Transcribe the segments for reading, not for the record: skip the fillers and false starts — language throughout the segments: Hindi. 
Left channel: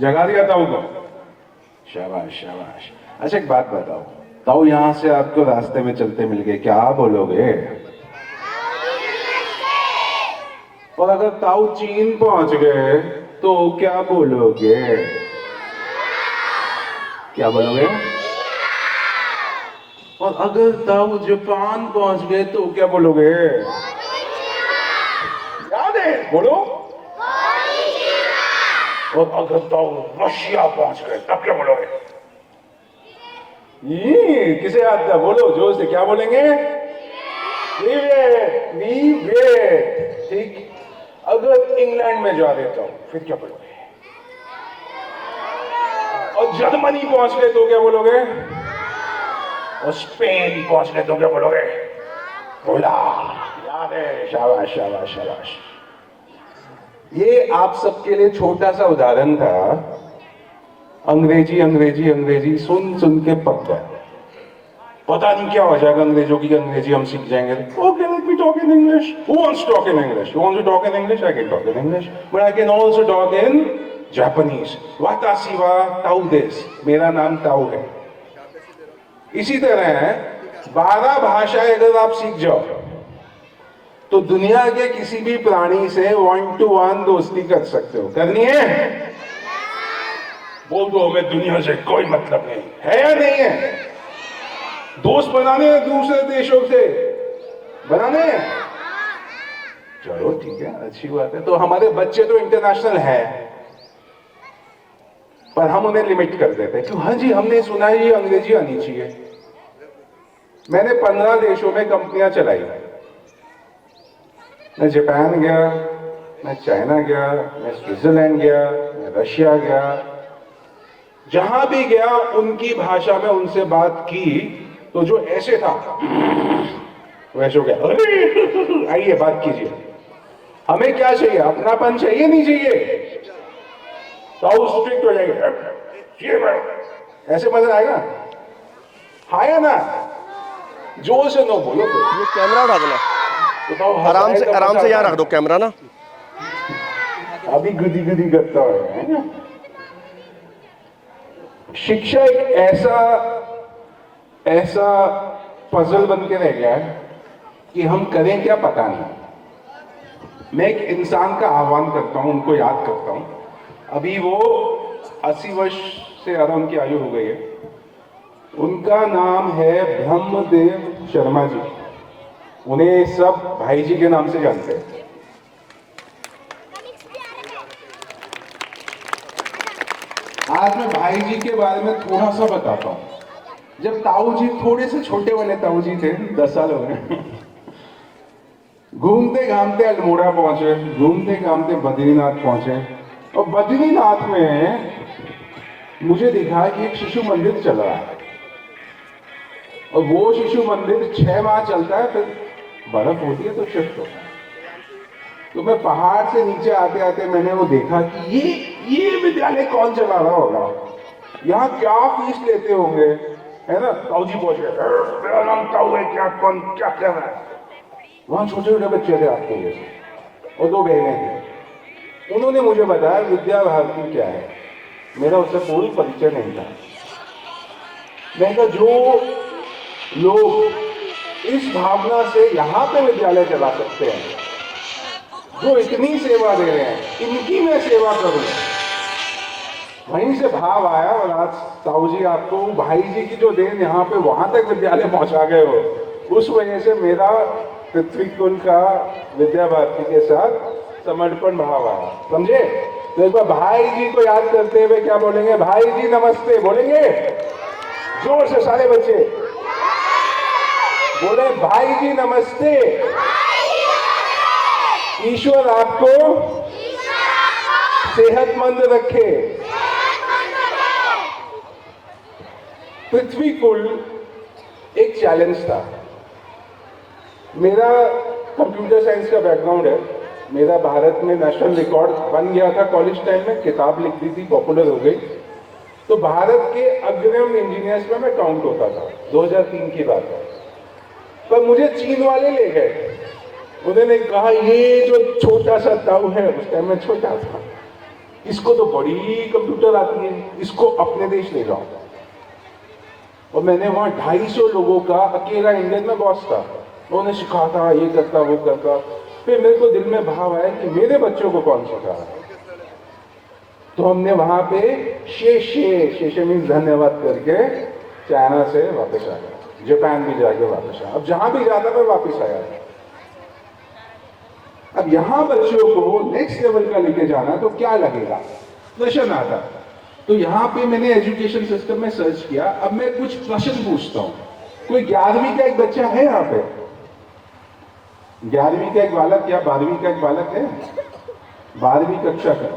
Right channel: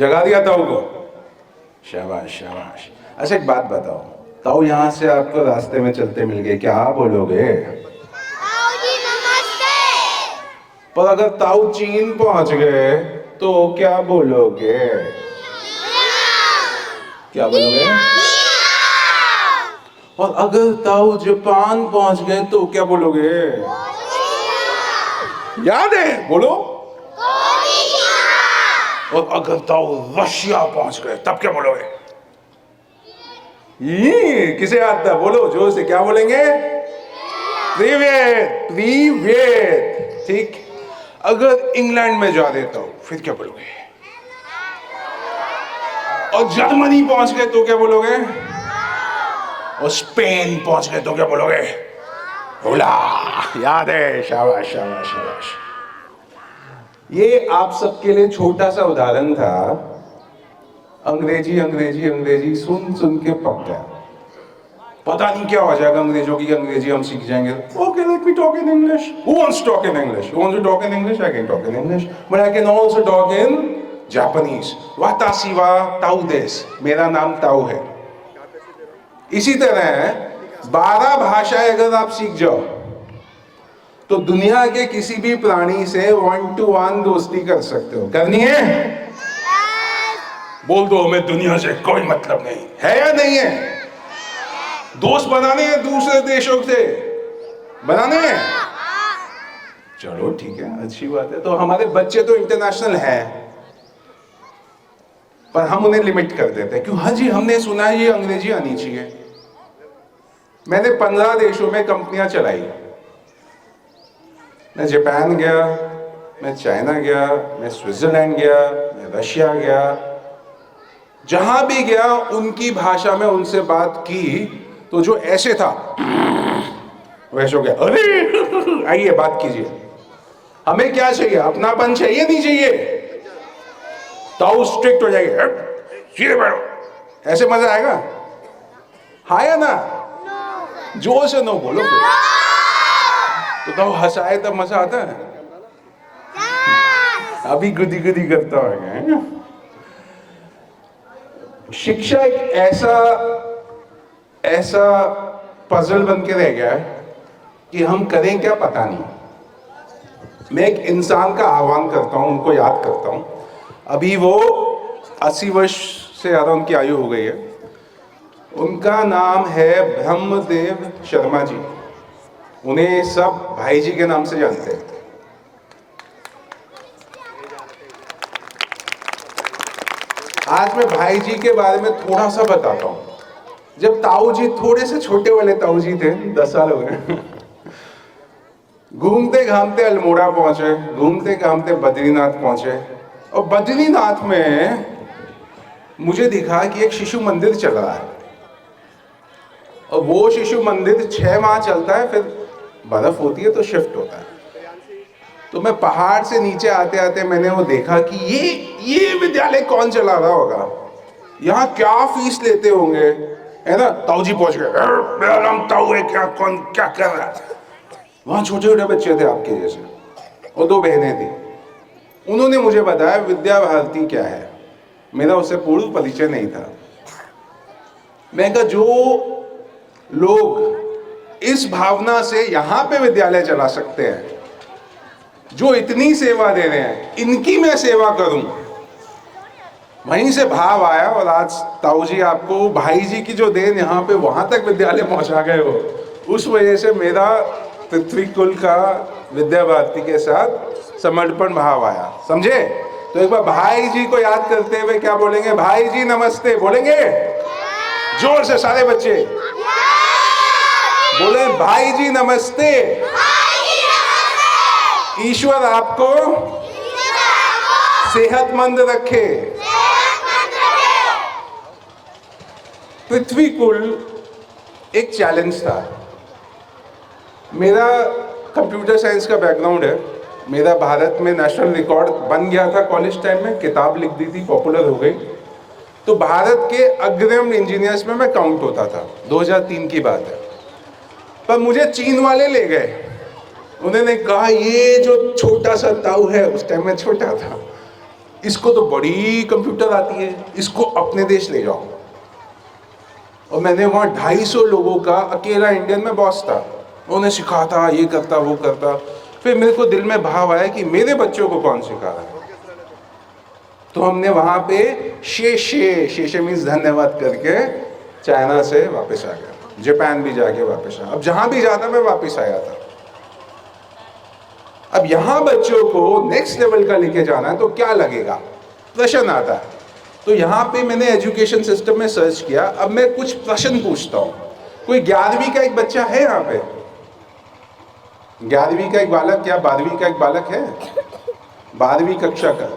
जगा दिया ताऊ को। शाबाश शाबाश। अच्छा एक बात बताओ, ताऊ यहाँ से आपको रास्ते में चलते मिल गए, क्या बोलोगे? पर अगर ताऊ चीन पहुंच गए तो क्या बोलोगे? क्या बोलोगे? और अगर ताऊ जापान पहुंच गए तो क्या बोलोगे? याद है, बोलो। और अगर ताऊ रशिया पहुंच गए तब क्या बोलोगे? ये किसे आता है? बोलो जोर से, क्या बोलेंगे? प्रीवियत प्रीवियत। ठीक। अगर इंग्लैंड में जा देता हूं फिर क्या बोलोगे? और जर्मनी पहुंच गए तो क्या बोलोगे? और स्पेन पहुंच गए तो क्या बोलोगे? बोला, याद है, शाबाश शाबाश शाबाश। ये आप सबके लिए छोटा सा उदाहरण था। अंग्रेजी अंग्रेजी अंग्रेजी सुन सुन के पक गए। पता नहीं क्या हो जाएगा अंग्रेजों की, अंग्रेजी हम सीख जाएंगे। Okay, let me talk in English. Who wants to talk in English? You want to talk in English? I can talk in English, but I can also talk in Japanese. Watashi wa Tao desu. मेरा नाम ताऊ है। इसी तरह 12 भाषाएं अगर आप सीख जाओ तो दुनिया के किसी भी प्राणी से 1-to-1 दोस्ती कर सकते हो। करनी है? बोल दो, हमें दुनिया से कोई मतलब नहीं है या नहीं है? दोस्त बनाने हैं दूसरे देशों से, बनाने हैं? चलो ठीक है, अच्छी बात है। तो हमारे बच्चे तो इंटरनेशनल है, पर हम उन्हें लिमिट कर देते हैं। क्यों? हाँ जी, हमने सुना है ये अंग्रेजी आनी चाहिए। मैंने 15 देशों में कंपनियां चलाई। मैं जापान गया, मैं चाइना गया, मैं स्विट्जरलैंड गया, मैं रशिया गया। जहां भी गया उनकी भाषा में उनसे बात की तो जो ऐसे था वैसे हो गया, अरे आइए बात कीजिए। हमें क्या चाहिए? अपनापन चाहिए, नहीं चाहिए? ताऊ स्ट्रिक्ट हो जाएंगे, ऐसे मजा आएगा? हाँ या ना? जोर से नो बोलो। कैमरा उठा देना तो ताऊ आराम से, आराम से यहाँ रख दो कैमरा ना। अभी गुदी गुदी करता है। शिक्षा एक ऐसा पजल बन के रह गया है कि हम करें क्या पता नहीं। मैं एक इंसान का आह्वान करता हूं, उनको याद करता हूं। अभी वो 80 वर्ष से ज्यादा उनकी आयु हो गई है। उनका नाम है ब्रह्मदेव शर्मा जी। उन्हें सब भाई जी के नाम से जानते हैं। आज मैं भाई जी के बारे में थोड़ा सा बताता हूं। जब ताऊ जी थोड़े से छोटे वाले ताऊ जी थे, 10 साल हो गए, घूमते घामते अल्मोड़ा पहुंचे, घूमते घामते बद्रीनाथ पहुंचे। और बद्रीनाथ में मुझे दिखा कि एक शिशु मंदिर चल रहा है। और वो शिशु मंदिर 6 माह चलता है, फिर बर्फ होती है तो शिफ्ट होता है। तो मैं पहाड़ से नीचे आते आते मैंने वो देखा कि ये विद्यालय कौन चला रहा होगा, यहाँ क्या फीस लेते होंगे, है ना? ताऊ जी पहुंच गए, मेरा नाम ताऊ है, क्या कौन क्या कर रहा है? वहाँ छोटे छोटे बच्चे थे आपके जैसे, और 2 बहनें थी। उन्होंने मुझे बताया विद्या भारती क्या है। मेरा उससे पूर्ण परिचय नहीं था। मैंने कहा जो लोग इस भावना से यहाँ पे विद्यालय चला सकते हैं, जो इतनी सेवा दे रहे हैं, इनकी मैं सेवा करूं। वहीं से भाव आया। और आज ताऊ जी आपको भाई जी की जो देन यहाँ पे वहां तक विद्यालय पहुंचा गए हो, उस वजह से मेरा पृथ्वी कुल का विद्या भारती के साथ समर्पण भाव आया। समझे? तो एक बार भाई जी को याद करते हुए क्या बोलेंगे? भाई जी नमस्ते बोलेंगे जोर से सारे बच्चे बोले, भाई जी नमस्ते। ईश्वर आपको सेहतमंद रखे। पृथ्वी कुल एक चैलेंज था। मेरा कंप्यूटर साइंस का बैकग्राउंड है। मेरा भारत में नेशनल रिकॉर्ड बन गया था कॉलेज टाइम में, किताब लिख दी थी, पॉपुलर हो गई। तो भारत के अग्रणी इंजीनियर्स में मैं काउंट होता था। 2003 की बात है। पर मुझे चीन वाले ले गए। उन्होंने कहा ये जो छोटा सा ताऊ है, उस टाइम में छोटा था, इसको तो बड़ी कंप्यूटर आती है, इसको अपने देश ले जाओ। और मैंने वहाँ 250 लोगों का अकेला इंडियन में बॉस था, उन्हें सिखाता, ये करता वो करता। फिर मेरे को दिल में भाव आया कि मेरे बच्चों को कौन सिखा है। तो हमने वहाँ पे शेषे मीन्स धन्यवाद करके चाइना से वापस आ गया, जापान भी जाके वापस आया। अब जहाँ भी जाता मैं वापस आया था। अब यहाँ बच्चों को नेक्स्ट लेवल का लेके जाना है तो क्या लगेगा, प्रश्न आता है। तो यहाँ पे मैंने एजुकेशन सिस्टम में सर्च किया। अब मैं कुछ प्रश्न पूछता हूँ। कोई 11वीं का एक बच्चा है यहाँ पे? 11वीं का एक बालक या 12वीं का एक बालक है? 12वीं कक्षा का?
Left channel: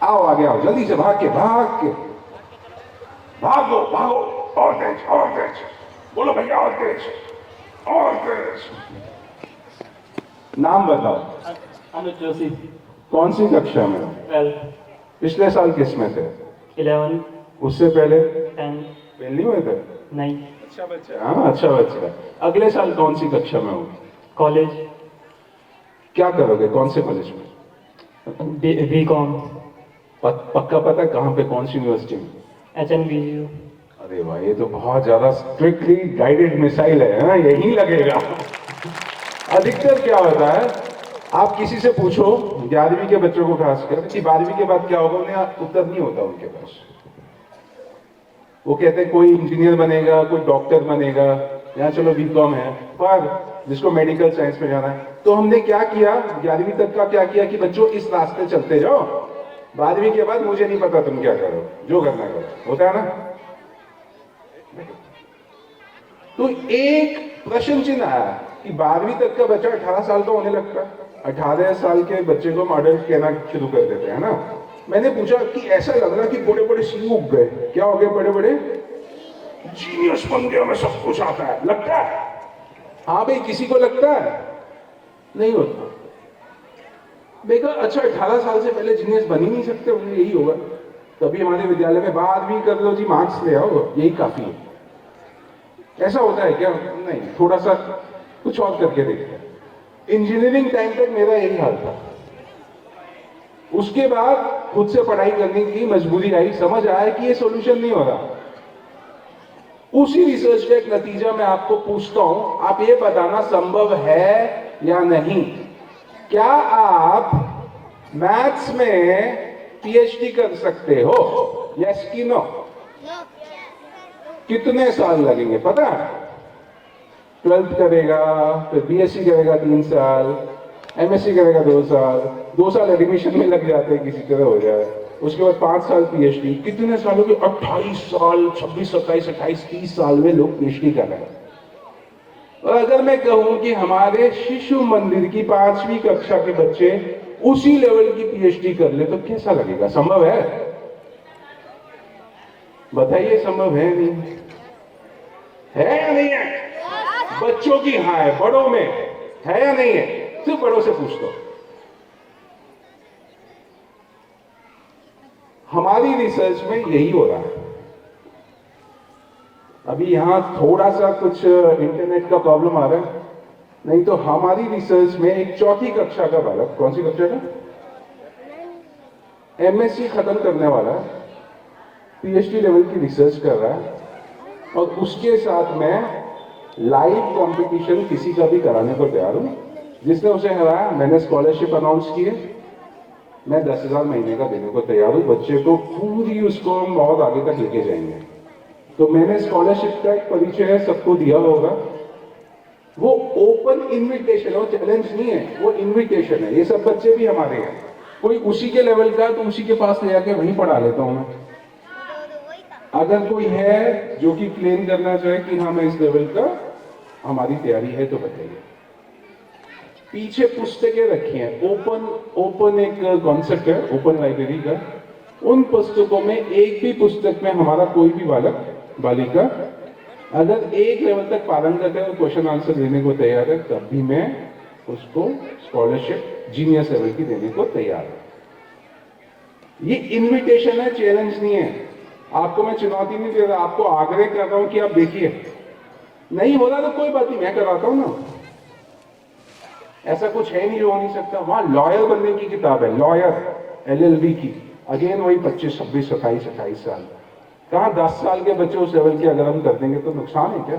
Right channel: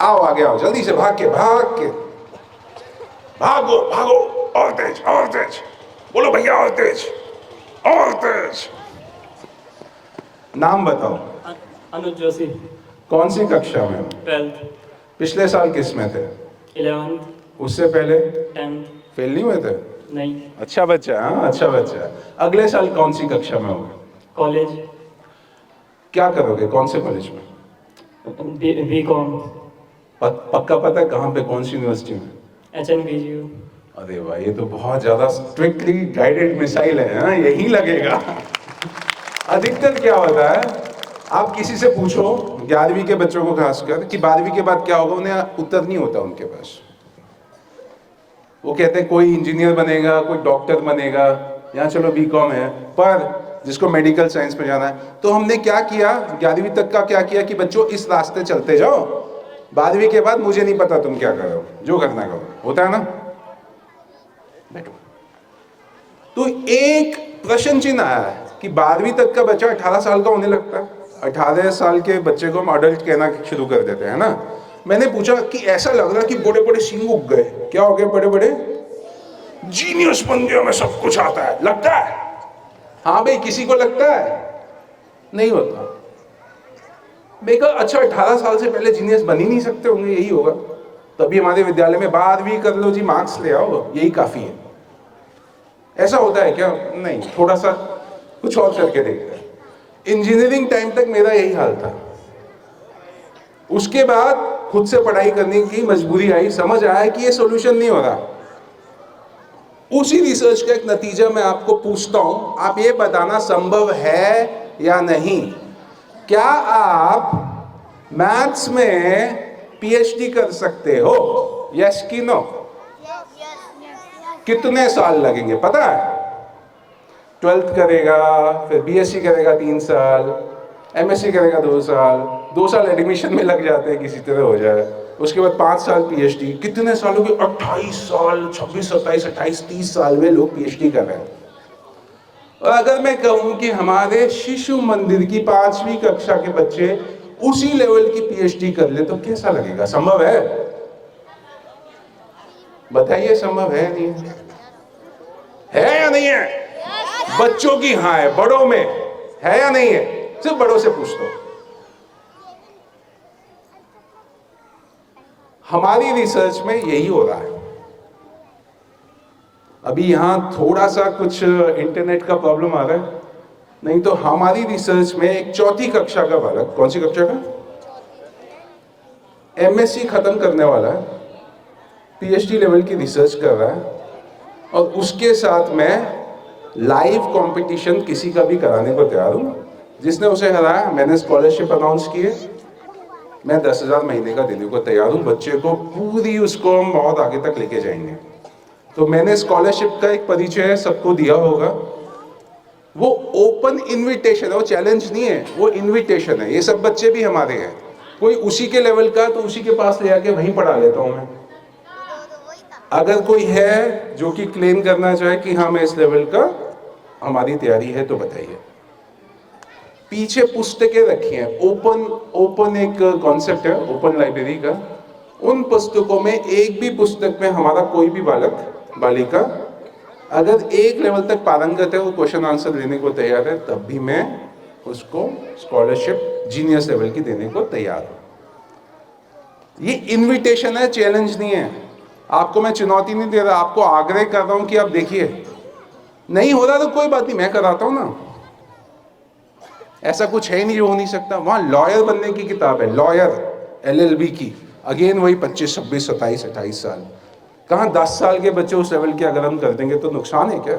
आओ आगे आओ, जल्दी से भाग के भागो भागो, और तेज, बोलो भैया और तेज। नाम बताओ। अनुज जोशी। कौन सी कक्षा में? 12th। पिछले साल किस में थे? 11th। उससे पहले? 10th। फेल नहीं हुए थे? नहीं। अच्छा बच्चा, हाँ अच्छा बच्चा। अगले साल कौन सी कक्षा में होगे? कॉलेज। क्या करोगे, कौन से कॉलेज में? बीकॉम। पक्का पता है कहाँ पे, कौन सी यूनिवर्सिटी में? HNBGU। अरे भाई ये तो बहुत ज्यादा स्ट्रिक्टली गाइडेड मिसाइल है, हाँ यही लगेगा। अधिकतर क्या होता है, आप किसी से पूछो 11वीं के बच्चों को खासकर कि 12वीं के बाद क्या होगा, उन्हें उत्तर नहीं होता उनके पास। वो कहते हैं कोई इंजीनियर बनेगा, कोई डॉक्टर बनेगा, यहाँ चलो बीकॉम है, पर जिसको मेडिकल साइंस में जाना है। तो हमने क्या किया, 11वीं तक का क्या किया कि बच्चों इस रास्ते चलते जाओ, 12वीं के बाद मुझे नहीं पता तुम क्या करो, जो करना करो, होता है ना। तो एक प्रश्न चिन्ह आया है कि 12वीं तक का बच्चा 18 साल का होने लगता है। 18 साल के बच्चे को हम अडल्ट कहना शुरू कर देते हैं ना। मैंने पूछा कि ऐसा लग रहा है कि बड़े बड़े सिंह उग गए, क्या हो गए, बड़े बड़े जीनियस बन गया, मैं सब कुछ आता है, लगता है? हाँ भाई, किसी को लगता है? नहीं होता। मैं कहा अच्छा 18 साल से पहले जीनियस बन ही नहीं सकते होंगे, यही होगा। तभी हमारे विद्यालय में 12वीं कर लो जी, मार्क्स ले आओ, यही काफी है। ऐसा होता है क्या? नहीं, थोड़ा सा कुछ और करके देखते हैं। इंजीनियरिंग टाइम तक मेरा यही हाल था। उसके बाद खुद से पढ़ाई करने की मजबूरी आई, समझ आया कि ये सॉल्यूशन नहीं हो रहा। उसी रिसर्च का एक नतीजा मैं आपको पूछता हूं, आप ये बताना संभव है या नहीं। क्या आप मैथ्स में पीएचडी कर सकते हो? यस कि नो? कितने साल लगेंगे पता है? 12th करेगा, फिर बीएससी करेगा 3 साल, एमएससी करेगा 2 साल एडमिशन में लग जाते हैं, किसी तरह हो जाए। उसके बाद 5 साल पीएचडी, कितने सालों की? 28 साल, 26, 27, 28, 30 साल में लोग पीएचडी कर रहे हैं। और अगर मैं कहूं कि हमारे शिशु मंदिर की 5वीं कक्षा के बच्चे उसी लेवल की पीएचडी कर ले तो कैसा लगेगा? संभव है? बताइए, संभव है नहीं है या नहीं है? बच्चों की हाँ है, बड़ों में है या नहीं है? सिर्फ बड़ों से पूछ लो। हमारी रिसर्च में यही हो रहा है। अभी यहां थोड़ा सा कुछ इंटरनेट का प्रॉब्लम आ रहा है, नहीं तो हमारी रिसर्च में एक 4ठी कक्षा का बालक, कौन सी कक्षा का, एमएससी खत्म करने वाला है, पीएचडी लेवल की रिसर्च कर रहा है, और उसके साथ मैं लाइव कंपटीशन किसी का भी कराने को तैयार हूं। जिसने उसे हराया, मैंने स्कॉलरशिप अनाउंस किए, मैं 10,000 महीने का देने को तैयार हूं। बच्चे को पूरी, उसको हम बहुत आगे तक लेके जाएंगे। तो मैंने स्कॉलरशिप का एक परिचय सबको दिया होगा। वो ओपन इनविटेशन है, वो चैलेंज नहीं है, वो इनविटेशन है। ये सब बच्चे भी हमारे हैं, कोई उसी के लेवल का तो उसी के पास ले जाके वहीं पढ़ा लेता हूं मैं। अगर कोई है जो कि क्लेम करना चाहे कि हाँ मैं इस लेवल का, हमारी तैयारी है, तो बताइए। पीछे पुस्तकें रखी हैं, ओपन एक कॉन्सेप्ट है ओपन लाइब्रेरी का। उन पुस्तकों में एक भी पुस्तक में हमारा कोई भी बालक बालिका अगर एक लेवल तक पारंगत है, वो क्वेश्चन आंसर देने को तैयार है, तब भी मैं उसको स्कॉलरशिप जीनियस लेवल की देने को तैयार हूं। ये इनविटेशन है, चैलेंज नहीं है। आपको मैं चुनौती नहीं दे रहा, आपको आग्रह कर रहा हूं कि आप देखिए। नहीं हो रहा तो कोई बात नहीं, मैं कराता हूं ना। ऐसा कुछ है नहीं जो हो नहीं सकता। वहां लॉयर बनने की किताब है, लॉयर, LLB की। अगेन वही 25, 26, 27, 28 साल। कहाँ 10 साल के बच्चे उस लेवल के अगर हम कर देंगे तो नुकसान है क्या?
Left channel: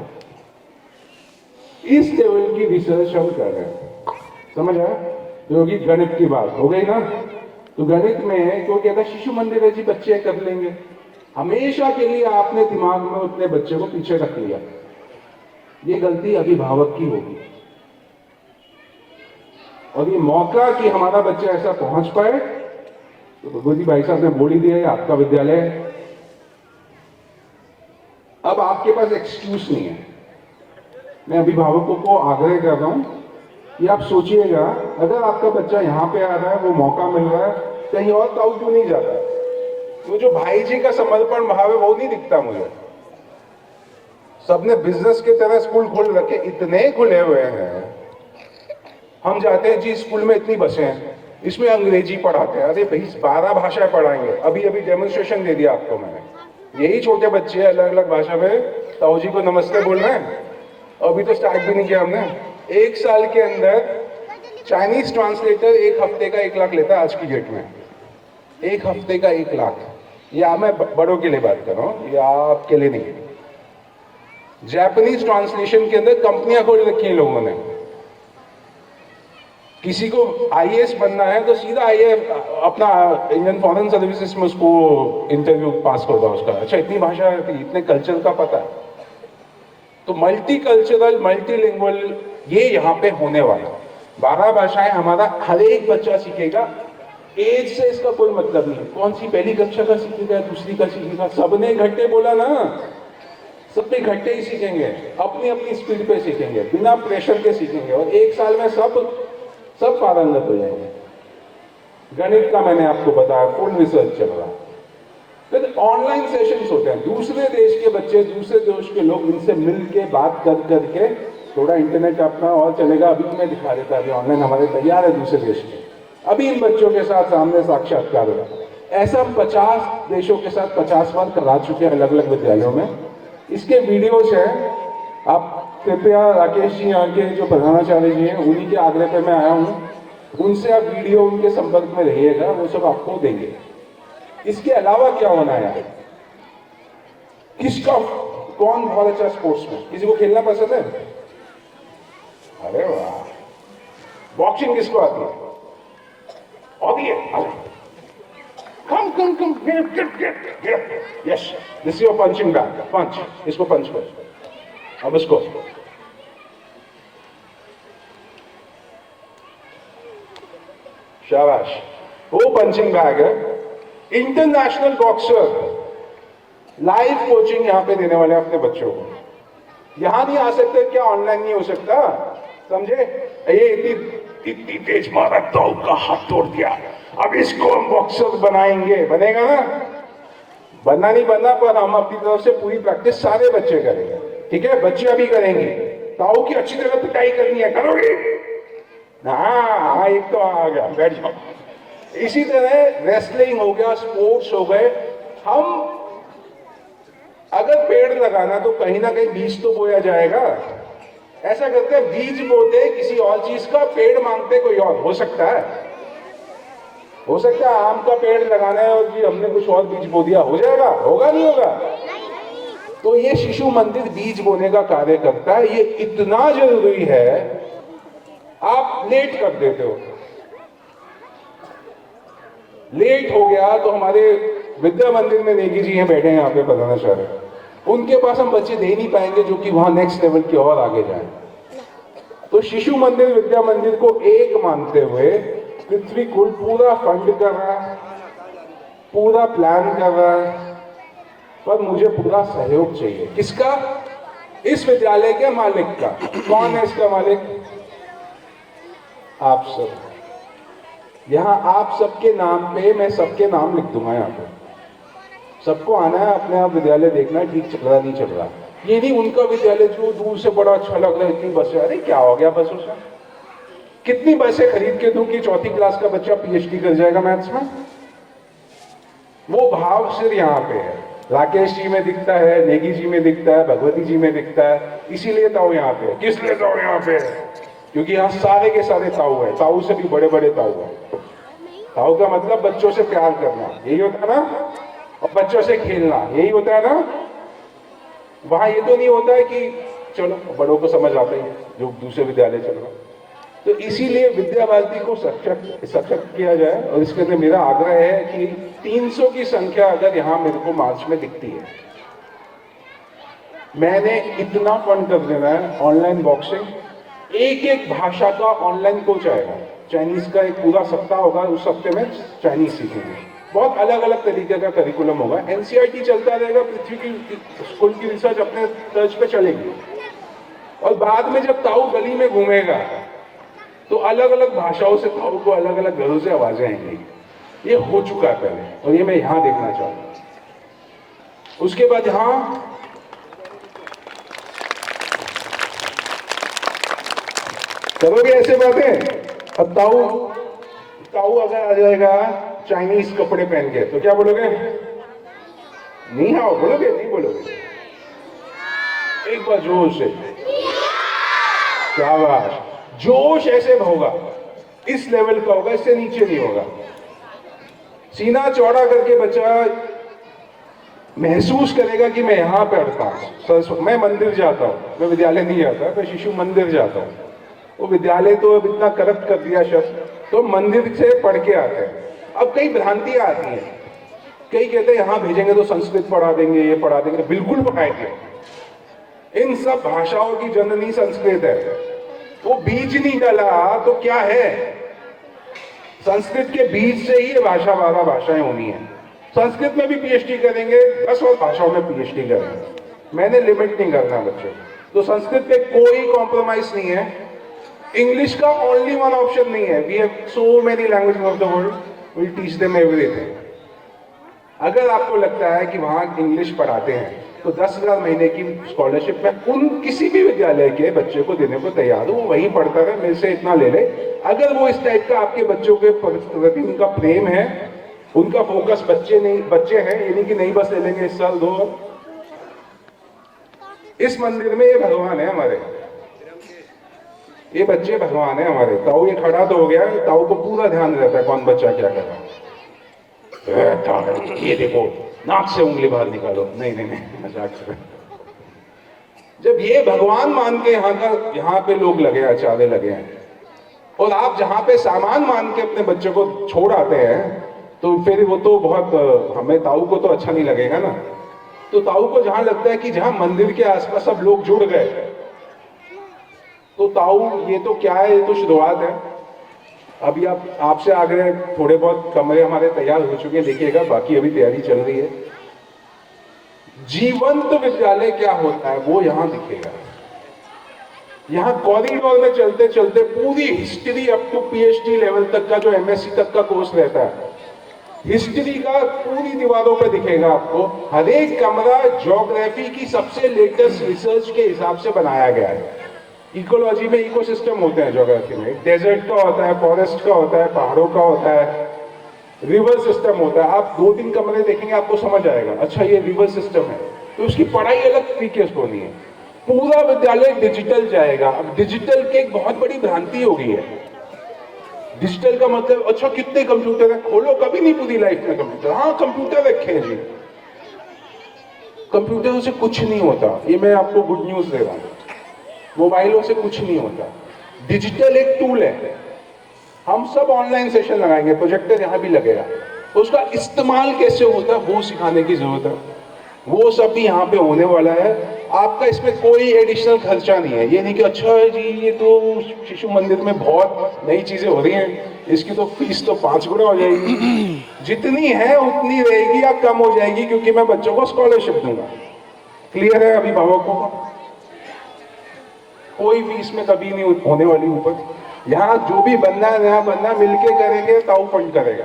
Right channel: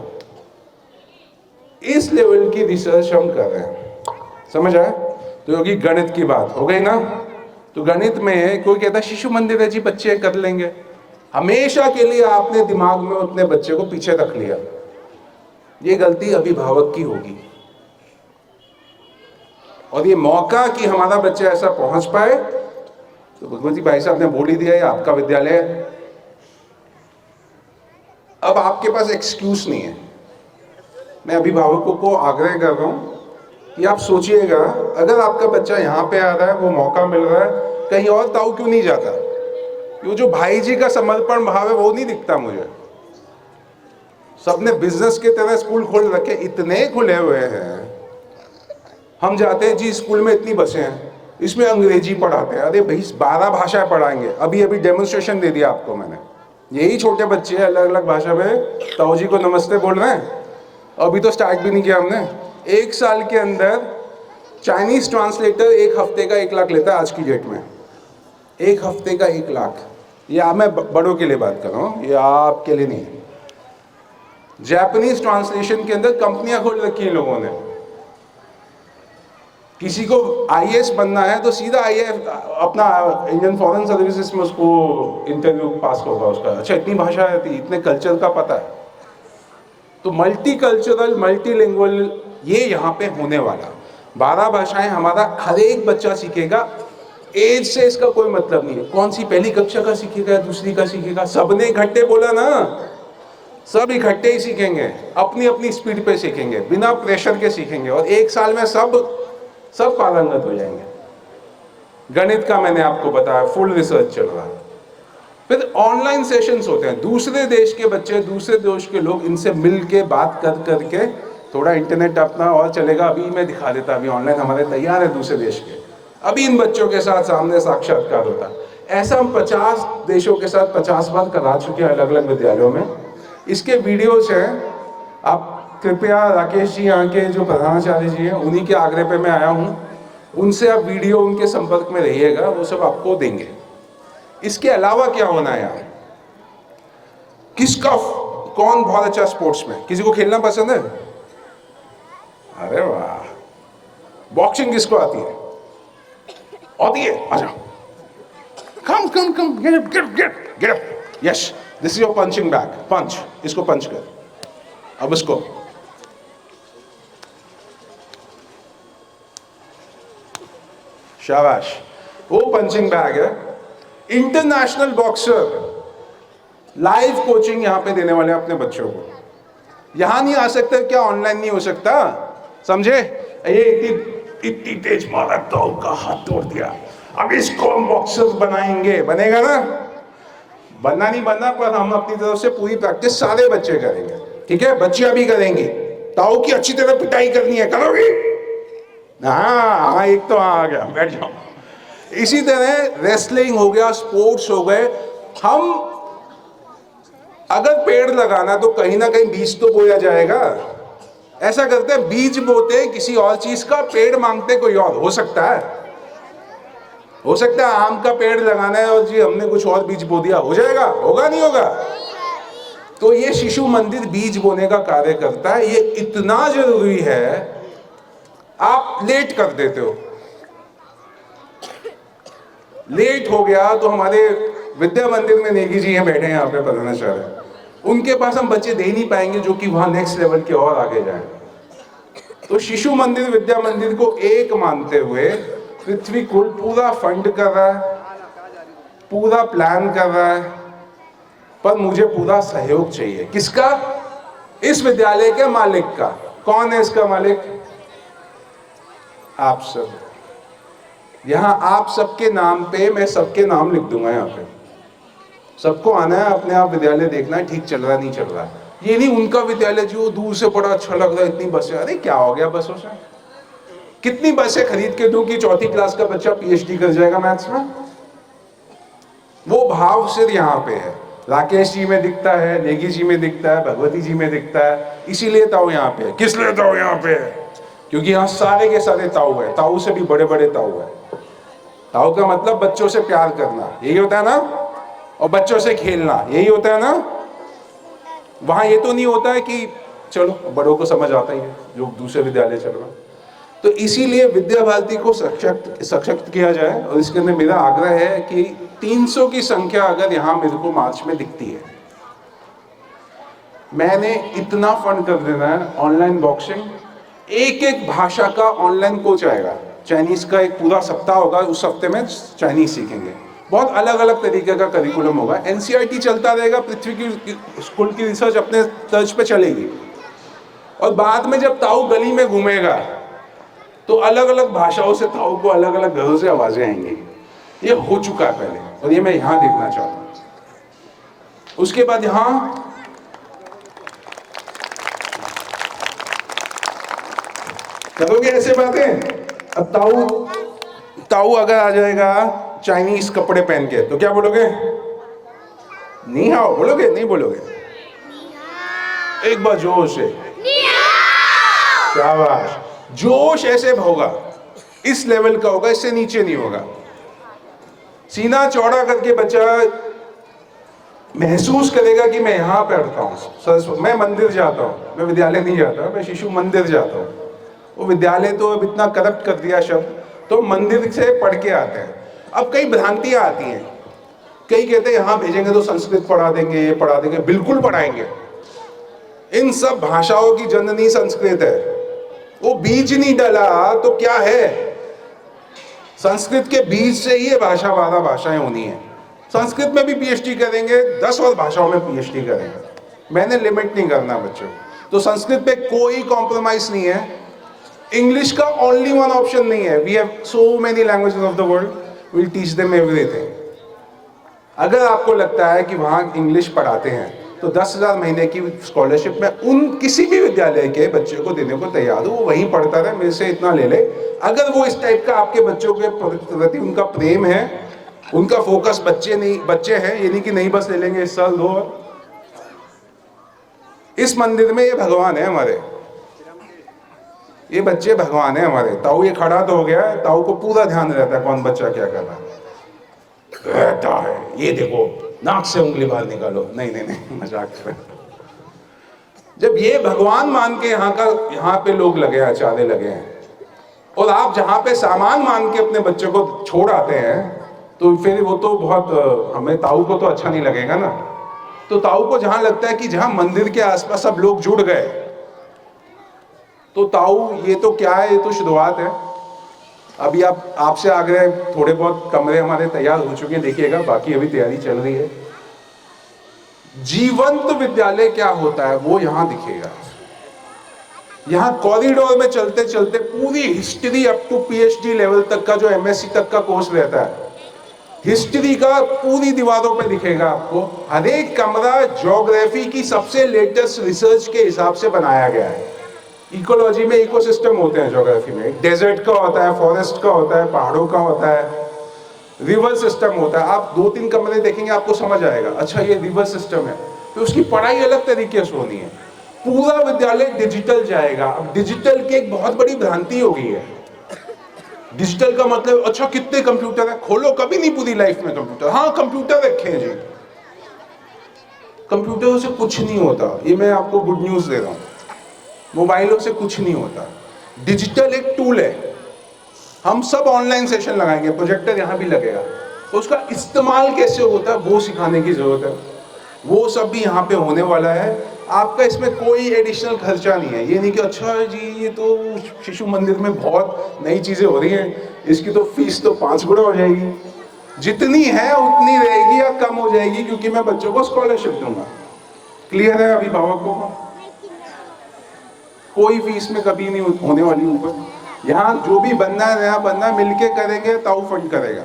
इस लेवल की रिसर्च हम कर रहे हैं, समझ आया? तो होगी गणित की बात हो गई ना। तो गणित में कोई कहता है शिशु मंदिर है जी, बच्चे कर लेंगे। हमेशा के लिए आपने दिमाग में अपने बच्चे को पीछे रख लिया, ये गलती अभिभावक की होगी। और ये मौका कि हमारा बच्चा ऐसा पहुंच पाए, तो भगवती भाई साहब ने बोल ही दिया, ये आपका विद्यालय है। अब आपके पास एक्सक्यूज नहीं है। मैं अभिभावकों को आग्रह कर रहा हूं कि आप सोचिएगा, अगर आपका बच्चा यहाँ पे आ रहा है, वो मौका मिल रहा है, कहीं और ताऊ क्यों नहीं जाता? वो जो भाई जी का समर्पण भाव है वो नहीं दिखता मुझे। सबने बिजनेस की तरह स्कूल खोल रखे, इतने खुले हुए हैं। हम जाते हैं जी स्कूल में इतनी बसें हैं, इसमें अंग्रेजी पढ़ाते हैं। अरे भाई 12 भाषाएं पढ़ाएंगे। अभी डेमोन्स्ट्रेशन दे दिया आपको मैंने। यही छोटे बच्चे अलग अलग भाषा में ताऊ जी को नमस्ते बोल रहे हैं। अभी तो स्टार्ट भी नहीं किया हमने। 1 साल के अंदर चाइनीज ट्रांसलेटर 1 हफ्ते का 1 लाख लेता है आज की डेट में। 1 हफ्ते का 1 लाख। या मैं बड़ों के लिए बात कर रहा हूँ, या आपके लिए नहीं। जापानीज ट्रांसलेशन के अंदर कंपनियां खोल रखी है लोगों ने। किसी को IAS बनना है तो सीधा IAS अपना इंडियन फॉरेन सर्विसेज में उसको इंटरव्यू पास होगा उसका। अच्छा इतनी भाषा है, इतने कल्चर का पता है। तो मल्टी कल्चरल, मल्टीलिंगुअल ये यहाँ पे होने वाला। 12 भाषाएं हमारा हर एक बच्चा सीखेगा। एज से इसका कोई मतलब नहीं है, कौन सी पहली कक्षा का सीखेगा, दूसरी का सीखेगा। सबने इकट्ठे बोला ना, सब इकट्ठे ही सीखेंगे, अपनी अपनी स्पीड पे सीखेंगे, बिना प्रेशर के सीखेंगे। और 1 साल में सब पारंगत हो जाएंगे। गणित का मैंने आपको बताया, फुल रिसर्च चल रहा है। फिर ऑनलाइन सेशंस होते हैं, दूसरे देश के बच्चे, दूसरे देश के लोग, इनसे मिल के बात कर करके थोड़ा इंटरनेट अपना और चलेगा। अभी मैं दिखा देता, अभी ऑनलाइन हमारे तैयार है दूसरे देश के। अभी इन बच्चों के साथ सामने साक्षात्कार होता है। ऐसा हम 50 देशों के साथ 50 बार करा चुके हैं अलग अलग विद्यालयों में। इसके वीडियोज हैं, आप कृपया राकेश जी यहाँ के जो प्रधानाचार्य जी हैं, उन्हीं के आग्रह पे मैं आया हूँ, उनसे आप वीडियो उनके संपर्क में रहिएगा, वो सब आपको देंगे। इसके अलावा क्या होना है यार, कौन बहुत अच्छा स्पोर्ट्स में, किसी को खेलना पसंद है? अरे वाह, बॉक्सिंग किसको आती है? आती है, आजा, come, get, yes, this is your punching bag, punch, इसको पंच कर। अब इसको शाबाश, वो पंचिंग बैग है। इंटरनेशनल बॉक्सर, लाइव कोचिंग यहाँ पे देने वाले अपने बच्चों को। यहां नहीं आ सकते क्या? ऑनलाइन नहीं हो सकता, समझे? ये इतनी तेज मारा तो का हाथ तोड़ दिया, अब इसको हम बॉक्सर बनाएंगे। बनेगा ना? बनना नहीं बनना, पर हम अपनी तरफ से पूरी प्रैक्टिस सारे बच्चे करेंगे, ठीक है? बच्चे अभी करेंगे। ताऊ की अच्छी तरह पिटाई करनी है, करोगे? हाँ, एक तो आ गया, बैठ जाओ। इसी तरह रेसलिंग हो गया, स्पोर्ट्स हो गए। हम अगर पेड़ लगाना तो कहीं ना कहीं बीज तो बोया जाएगा। ऐसा करते हैं, बीज बोते किसी और चीज का, पेड़ मांगते कोई और। हो सकता है आम का पेड़ लगाना है और जी हमने कुछ और बीज बो दिया, हो जाएगा? होगा नहीं होगा? तो ये शिशु मंदिर बीज बोने का कार्य करता है। ये इतना जरूरी है, आप लेट कर देते हो। लेट हो गया तो हमारे विद्या मंदिर में नेगी जी हैं, बैठे हैं यहाँ पे प्रधानाचार्य, उनके पास हम बच्चे दे नहीं पाएंगे जो कि वहां नेक्स्ट लेवल के और आगे जाए। तो शिशु मंदिर विद्या मंदिर को एक मानते हुए पृथ्वी कुल पूरा फंड कर रहा है, पूरा प्लान कर रहा है, पर मुझे पूरा सहयोग चाहिए। किसका? इस विद्यालय के मालिक का। कौन है इसका मालिक? आप सब। यहां आप सबके नाम पे मैं सबके नाम लिख दूंगा। यहाँ पे सबको आना है, अपने आप विद्यालय देखना है ठीक चल रहा नहीं चल रहा। ये नहीं उनका विद्यालय जो दूर से बड़ा अच्छा लग रहा है, इतनी बसें, अरे क्या हो गया बसों से? कितनी बसें खरीद के दूं कि 4th क्लास का बच्चा PhD कर जाएगा मैथ्स में? वो भाव सिर्फ यहाँ पे है। राकेश जी में दिखता है, नेगी जी में दिखता है, भगवती जी में दिखता है, इसीलिए ताऊ यहाँ पे है। किस लिए ताऊ यहाँ पे है? क्योंकि यहाँ सारे के सारे ताऊ है, ताऊ से भी बड़े बड़े ताऊ है। ताऊ का मतलब बच्चों से प्यार करना, यही होता है ना, और बच्चों से खेलना, यही होता है ना। वहां ये तो नहीं होता है कि चलो बड़ों को समझ आता ही है, जो दूसरे विद्यालय चल रहा। तो इसीलिए विद्या भारती को सशक्त किया जाए, और इसके लिए मेरा आग्रह है कि 300 की संख्या अगर यहाँ मेरे को मार्च में दिखती है, मैंने इतना फंड कर देना है ऑनलाइन बॉक्सिंग, एक एक भाषा का ऑनलाइन कोच आएगा। चाइनीज का एक पूरा सप्ताह होगा, उस हफ्ते में चाइनीज सीखेंगे, बहुत अलग अलग तरीके का करिकुलम होगा। एनसीईआरटी चलता रहेगा, पृथ्वी की स्कूल की रिसर्च अपने तर्ज पे चलेगी, और बाद में जब ताऊ गली में घूमेगा तो अलग अलग भाषाओं से ताऊ को अलग अलग घरों से आवाजें आएंगी। ये हो चुका है पहले, और ये मैं यहां देखना चाहता हूं। उसके बाद यहां करोगे ऐसे बातें। अब ताऊ अगर आ जाएगा चाइनीज कपड़े पहन के, तो क्या बोलोगे? नी हाओ बोलोगे? नहीं बोलोगे? एक बार जोश से, क्या बात, जोश ऐसे होगा, इस लेवल का होगा, इससे नीचे नहीं होगा। सीना चौड़ा करके बच्चा महसूस करेगा कि मैं यहाँ पे रुका हूँ, मैं मंदिर जाता हूँ, मैं विद्यालय नहीं जाता, मैं शिशु मंदिर जाता हूँ। वो विद्यालय तो अब इतना करप्ट कर दिया शब्द, तो मंदिर से पढ़ के आते हैं। अब कई भ्रांतियां आती हैं, कई कहते हैं यहाँ भेजेंगे तो संस्कृत पढ़ा देंगे, ये पढ़ा देंगे। बिल्कुल पढ़ाएंगे, इन सब भाषाओं की जननी संस्कृत है। वो बीज नहीं डाला तो क्या है, संस्कृत के बीज से ही ये भाषा 12 भाषाएं होनी है। संस्कृत में भी पीएचडी करेंगे, 10 और भाषाओं में पीएचडी करेंगे। मैंने लिमिट नहीं करना बच्चों, तो संस्कृत पे कोई कॉम्प्रोमाइज नहीं है। इंग्लिश का ओनली वन ऑप्शन नहीं है। We have so many languages of the world, we will teach them everything. अगर आपको लगता है कि वहां इंग्लिश पढ़ाते हैं तो 10,000 महीने की स्कॉलरशिप में उन किसी भी विद्यालय के बच्चे को देने को तैयार हूं, वो वहीं पढ़ता रहे, मेरे से इतना ले ले। अगर वो इस टाइप का आपके बच्चों के प्रति उनका प्रेम है, उनका फोकस बच्चे हैं, ये नहीं कि नहीं बस ले लेंगे इस साल 2। इस मंदिर में ये भगवान है हमारे, ये बच्चे भगवान है हमारे। ताऊ ये खड़ा तो हो गया, ताऊ को पूरा ध्यान रहता है कौन बच्चा क्या कर रहा है। ये देखो नाक से उंगली बाहर निकालो, नहीं मजाक कर रहे। जब ये भगवान मान के यहाँ पे लोग लगे, आचार्य लगे हैं, और आप जहाँ पे सामान मान के अपने बच्चे को छोड़ आते हैं, तो फिर वो तो बहुत, हमें ताऊ को तो अच्छा नहीं लगेगा ना। तो ताऊ को जहां लगता है कि जहां मंदिर के आसपास सब लोग जुड़ गए, तो ताऊ ये तो क्या है, ये तो शुरुआत है। अभी आपसे आग्रह, थोड़े बहुत कमरे हमारे तैयार हो चुके हैं, देखिएगा, बाकी अभी तैयारी चल रही है। जीवंत विद्यालय क्या होता है वो यहां दिखेगा। यहां कॉरिडोर में चलते चलते पूरी history up to PhD level तक का, जो एमएससी तक का कोर्स रहता है, हिस्ट्री का पूरी दीवारों पे दिखेगा आपको। हर एक कमरा ज्योग्राफी की सबसे लेटेस्ट रिसर्च के हिसाब से बनाया गया है। इकोलॉजी में इकोसिस्टम होते हैं, ज्योग्राफी में डेजर्ट का होता है, फॉरेस्ट का होता है, पहाड़ों का होता है, रिवर सिस्टम होता है। आप 2-3 कमरे देखेंगे आपको समझ आएगा, अच्छा ये रिवर सिस्टम है, तो उसकी पढ़ाई अलग तरीके से होनी है। पूरा विद्यालय डिजिटल जाएगा। अब डिजिटल की एक बहुत बड़ी भ्रांति हो गई है। डिजिटल का मतलब अच्छा कितने कंप्यूटर है, खोलो, कभी नहीं पूरी लाइफ में कंप्यूटर। हाँ कंप्यूटर रखे हैं जी, कंप्यूटरों से कुछ नहीं होता, ये मैं आपको गुड न्यूज दे रहा हूँ। मोबाइलों से कुछ नहीं होता। डिजिटल एक टूल है। हम सब ऑनलाइन सेशन लगाएंगे, प्रोजेक्टर यहाँ भी लगेगा, तो उसका इस्तेमाल कैसे होता है वो सिखाने की जरूरत है। वो सब भी यहाँ पे होने वाला है। आपका इसमें कोई एडिशनल खर्चा नहीं है। ये नहीं कि अच्छा है जी ये तो शिशु मंदिर में बहुत नई चीजें हो रही हैं, इसकी तो फीस तो 5 गुना हो जाएगी। जितनी है उतनी रहेगी या कम हो जाएगी, क्योंकि मैं बच्चों को स्कॉलरशिप दूंगा। क्लियर है अभिभावक को? कोई फीस में कभी नहीं होने वाली ऊपर। यहाँ जो भी बनना है नया बनना, मिलके करेंगे, ताऊ फंड करेगा।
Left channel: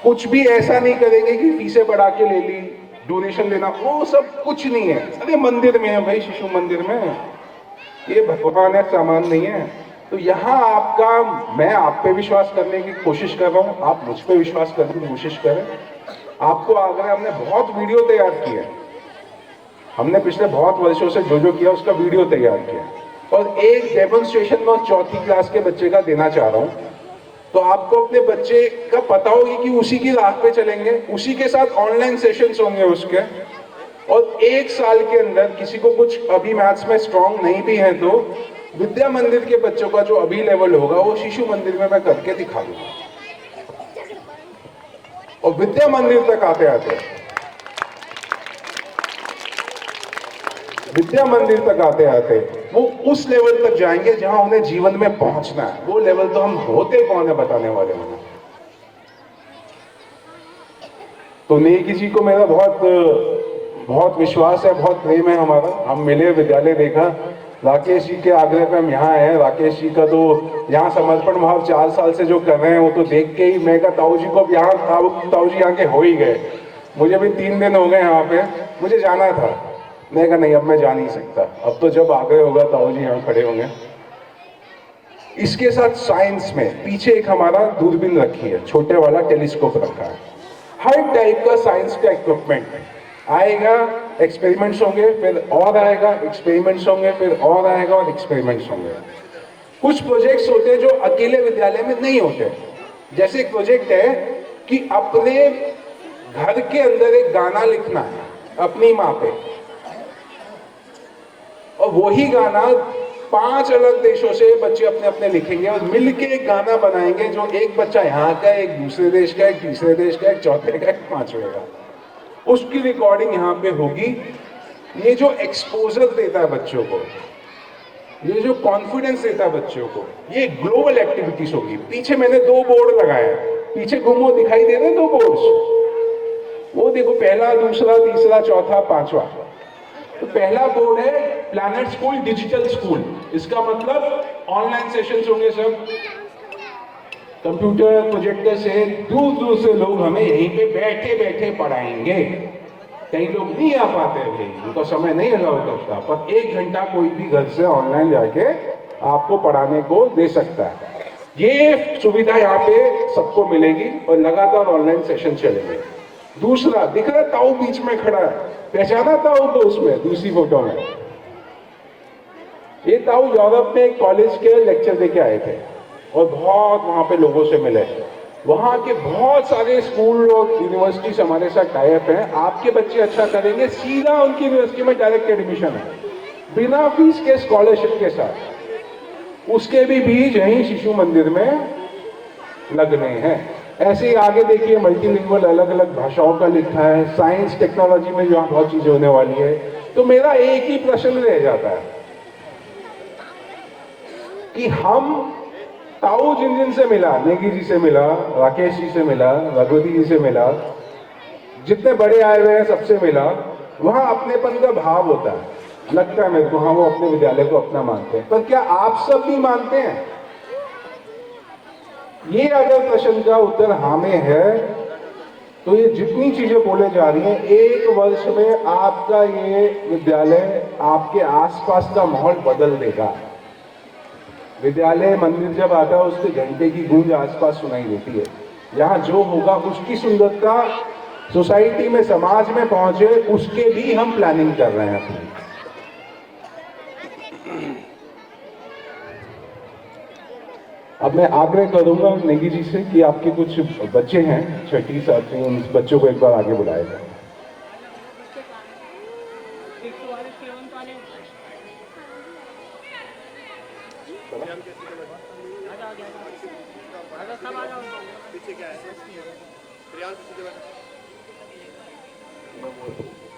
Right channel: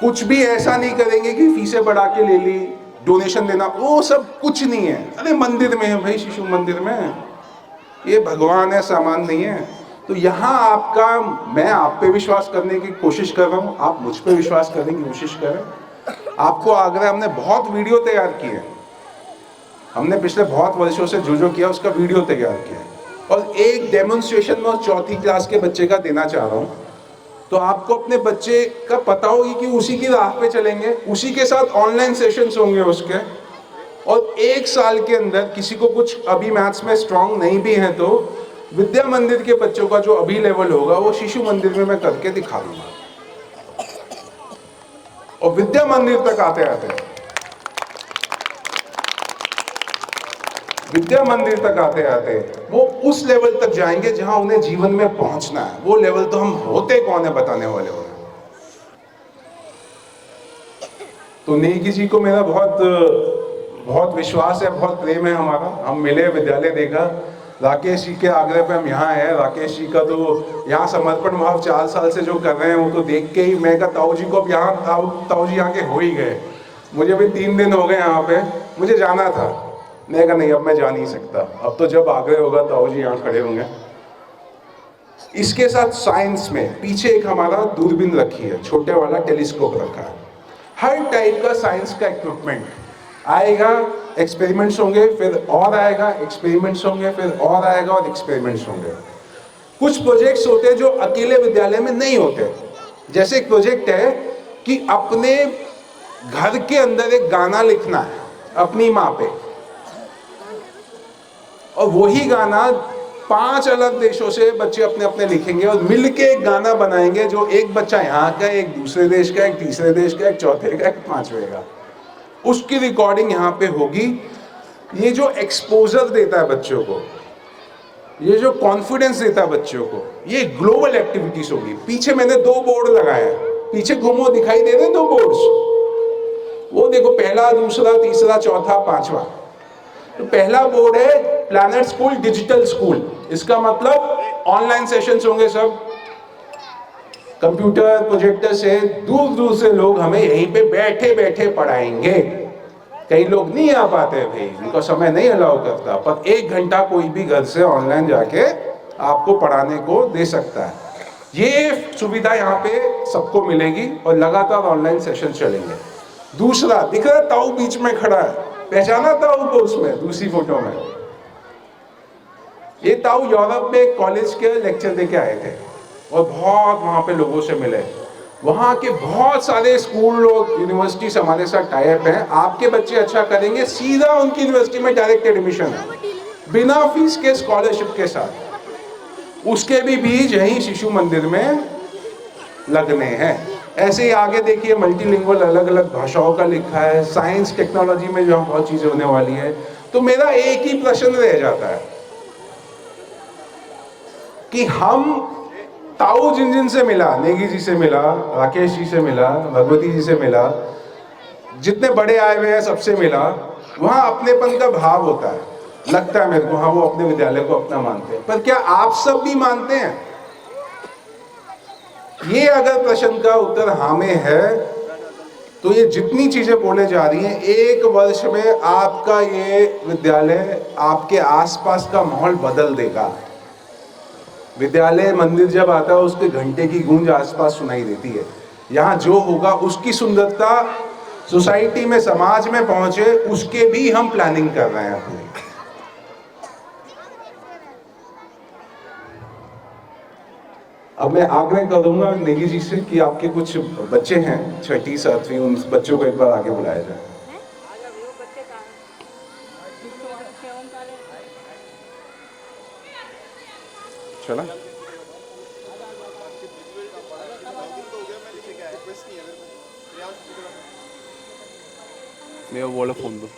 कुछ भी ऐसा नहीं करेंगे कि फीसें बढ़ा के ले ली, डोनेशन देना, वो सब कुछ नहीं है। अरे मंदिर में है भाई, शिशु मंदिर में, ये भगवान है, सामान नहीं है। तो यहाँ आपका, मैं आप पे विश्वास करने की कोशिश कर रहा हूँ, आप मुझ पे विश्वास करने की कोशिश करें। आपको आग्रह, हमने बहुत वीडियो तैयार किए, हमने पिछले बहुत वर्षों से जो किया उसका वीडियो तैयार किया। और एक डेमोन्स्ट्रेशन मैं चौथी क्लास के बच्चे का देना चाह रहा हूँ। तो आपको अपने बच्चे का पता होगी कि उसी की राह पे चलेंगे, उसी के साथ ऑनलाइन सेशंस होंगे उसके, और 1 साल के अंदर किसी को कुछ अभी मैथ्स में स्ट्रांग नहीं भी है तो विद्या मंदिर के बच्चों का जो अभी लेवल होगा वो शिशु मंदिर में मैं करके दिखा दूंगा। और विद्या मंदिर तक आते आते वो उस लेवल तक जाएंगे जहां उन्हें जीवन में पहुंचना है। वो लेवल तो हम होते कौन है बताने वाले हो। तो नेगी जी को मेरा बहुत विश्वास है, बहुत प्रेम है हमारा। हम मिले, विद्यालय देखा, राकेश जी के आग्रह पे हम यहाँ आए। राकेश जी का तो यहाँ समर्पण भाव 4 साल से जो कर रहे हैं वो तो देख के ही मैं कहा ताऊ जी को अब यहाँ ताऊ जी आके हो ही गए। मुझे अभी 3 दिन हो गए यहाँ पे, मुझे जाना था, मैं कहा नहीं अब मैं जा नहीं सकता, अब तो जब आग्रह होगा ताऊ जी यहाँ खड़े होंगे। इसके साथ साइंस में पीछे एक हमारा दूरबीन रखी है, छोटे वाला टेलीस्कोप रखा है। हर टाइप का साइंस का इक्विपमेंट आएगा, एक्सपेरिमेंट्स होंगे, फिर और आएगा, एक्सपेरिमेंट्स होंगे, फिर और आएगा और एक्सपेरिमेंट्स होंगे। कुछ प्रोजेक्ट्स होते हैं जो अकेले विद्यालय में नहीं होते। जैसे एक प्रोजेक्ट है कि अपने घर के अंदर एक गाना लिखना है अपनी माँ पे, और वही गाना 5 अलग देशों से बच्चे अपने अपने लिखेंगे और मिलके एक गाना बनाएंगे जो एक बच्चा यहाँ का, एक दूसरे देश का, एक तीसरे देश का, एक चौथे का, एक 5वें का। उसकी रिकॉर्डिंग यहाँ पे होगी। ये जो एक्सपोजर देता है बच्चों को, ये जो कॉन्फिडेंस देता है बच्चों को, ये ग्लोबल एक्टिविटीज होगी। पीछे मैंने 2 बोर्ड लगाए हैं, पीछे घूमो दिखाई दे रहे हैं 2 बोर्ड्स, वो देखो, पहला, दूसरा, तीसरा, चौथा, 5वां। तो पहला बोर्ड है प्लैनेट स्कूल डिजिटल स्कूल। इसका मतलब ऑनलाइन सेशंस होंगे, सब कंप्यूटर प्रोजेक्टर से दूर दूर से लोग हमें यहीं पे बैठे बैठे पढ़ाएंगे। कई लोग नहीं आ पाते थे, उनका समय नहीं अलाउ करता, पर 1 घंटा कोई भी घर से ऑनलाइन जाके आपको पढ़ाने को दे सकता है। ये सुविधा यहाँ पे सबको मिलेगी और लगातार ऑनलाइन सेशन चलेंगे। दूसरा, दिख रहा है ताऊ बीच में खड़ा है, पहचाना ताऊ को उसमें दूसरी फोटो में? ये ताऊ यूरोप में कॉलेज के लेक्चर देके आए थे और बहुत वहां पे लोगों से मिले। वहां के बहुत सारे स्कूल और यूनिवर्सिटी से हमारे साथ टाई अप है। आपके बच्चे अच्छा करेंगे, सीधा उनकी यूनिवर्सिटी में डायरेक्ट एडमिशन है, बिना फीस के, स्कॉलरशिप के साथ। उसके भी बीज यहीं शिशु मंदिर में लगने हैं। ऐसे ही आगे देखिए, मल्टीलिंगुअल, अलग अलग भाषाओं का लिखा है। साइंस टेक्नोलॉजी में जो बहुत चीजें होने वाली है। तो मेरा एक ही प्रश्न रह जाता है कि हम ताऊ जिन जिन से मिला, नेगी जी से मिला, राकेश जी से मिला, भगवती जी से मिला, जितने बड़े आए हुए हैं सबसे मिला, वहां अपनेपन का भाव होता है। लगता है मेरे को, हाँ वो अपने विद्यालय को अपना मानते हैं। पर क्या आप सब भी मानते हैं? ये अगर प्रश्न का उत्तर हाँ में है तो ये जितनी चीजें बोले जा रही हैं, 1 वर्ष में आपका ये विद्यालय, आपके आसपास का माहौल बदल देगा। विद्यालय मंदिर जब आता है उसके घंटे की गूंज आसपास सुनाई देती है। यहाँ जो होगा उसकी सुंदरता सोसाइटी में, समाज में पहुंचे, उसके भी हम प्लानिंग कर रहे हैं अपनी। अब मैं आग्रह करूंगा नेगी जी से कि आपके कुछ बच्चे हैं 6ठी 7वीं, उन बच्चों को एक बार आगे बुलाया जाए। चला मैं वो बोला फोन दो।